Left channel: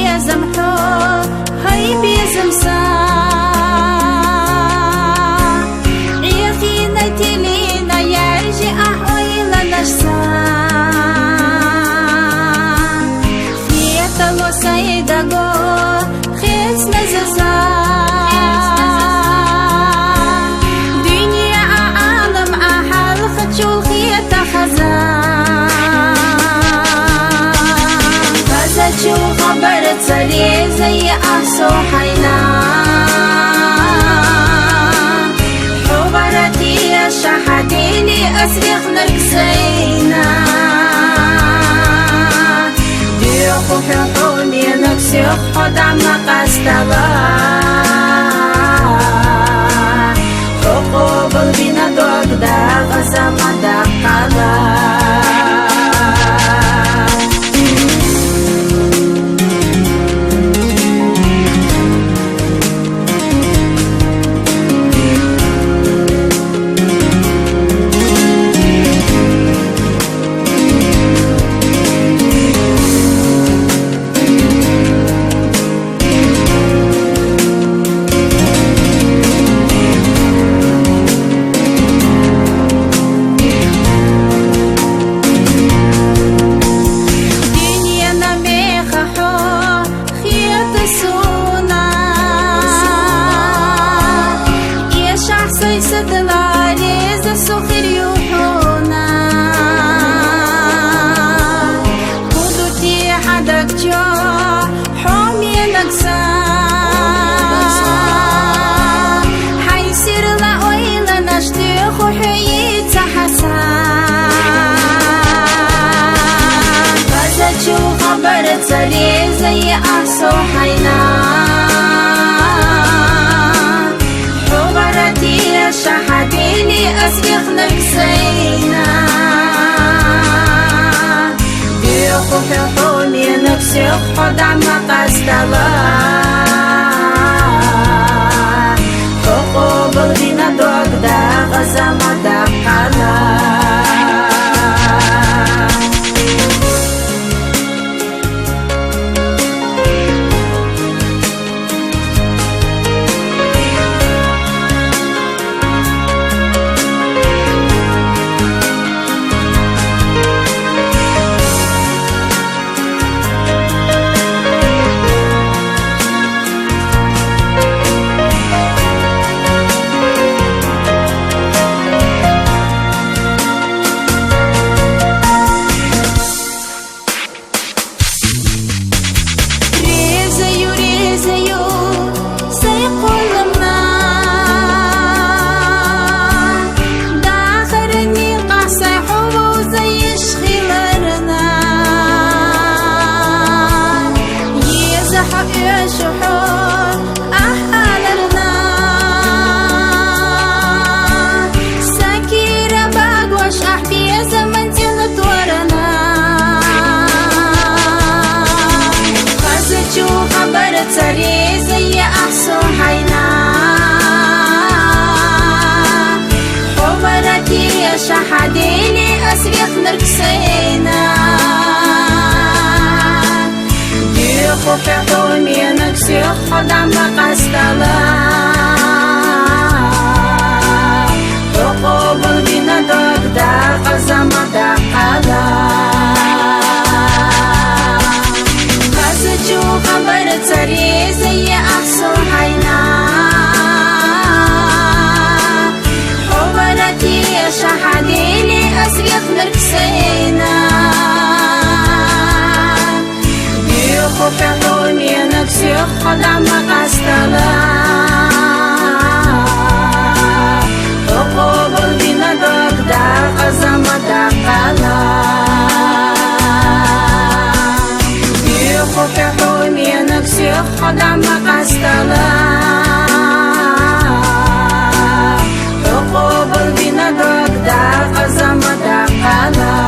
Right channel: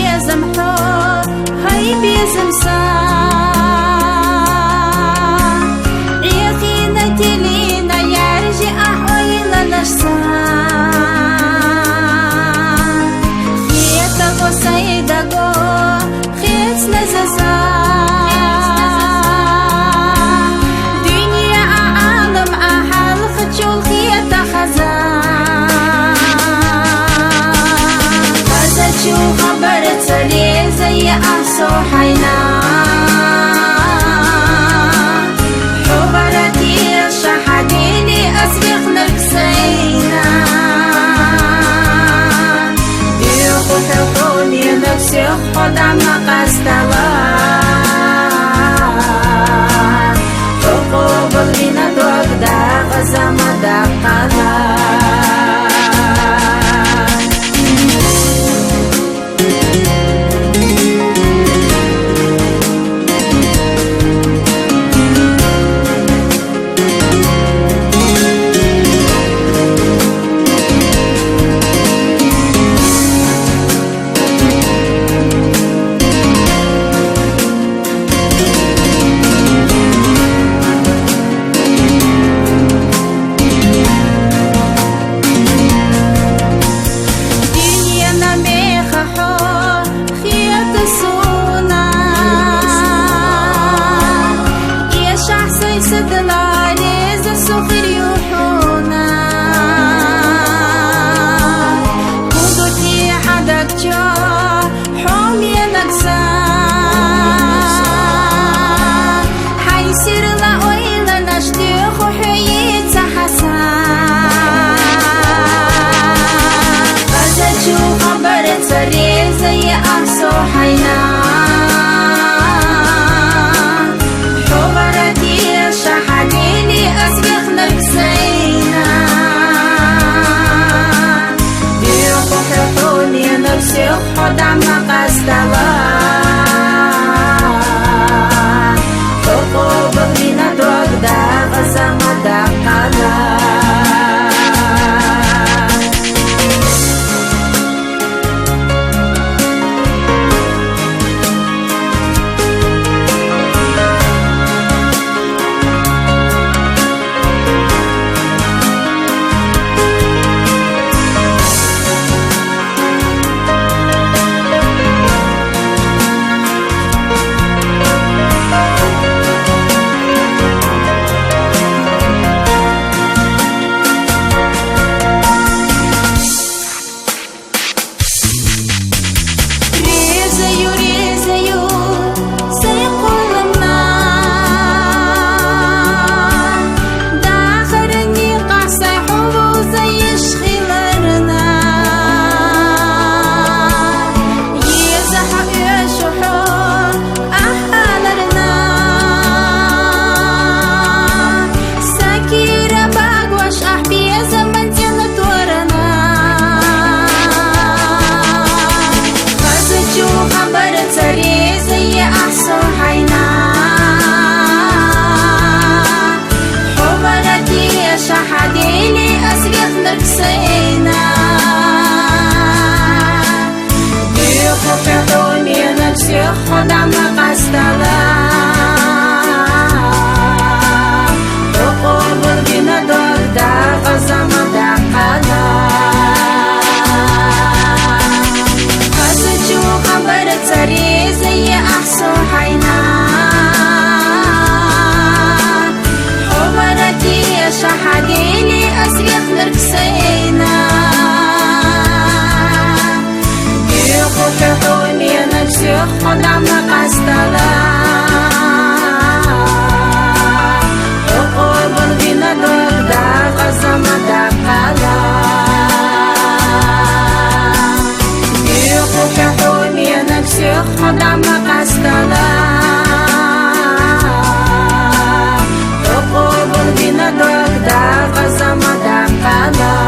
بيزمحو هاي بيزمسا عيخينا تلينا يرجع أحويلا نشسا خيط لو سيداغو خيط نززا دنيا عالم أحل خجول خيط خزا شو خبر تسلي زي أحسو حينا حبرتي الشحديني أسبيخ نركسينا ديخو ححوني نكسيخ خدع مقاستلا حقوب البينا دوك دا غزا مدقلا سونا يا شخصي سدلالي زسوخر يوحونا هدوتي حدك جو حومي نكسا حيصير لا ويلا نشتيخ وحييت حسا شو خبر تسلي زي أحسو حينا حبرتي الشحديني أسبيخ نركسينا ديخو ححوني نكسيخ خدع مقاستلا حقوب البينا دوك دا غزا مدقلا تسري زي أحسو حينا حبرتي شحديلي أسبيخ نركسينا ديخو ححومي نكسيخ خدع مقاستلا حقوب البينا دوك دا غزا مدقلا شو خبر تسري زي أحسو حينا حبرتي شحديلي أسبيخ نركسينا ديخو ححومي نكسيخ خدع مقاستلا حقوب البينا دوك دا غزا مدقلا ححومي نكسيخ خدع مقاستلا حقوب البينا دوك دا غزا مدقلا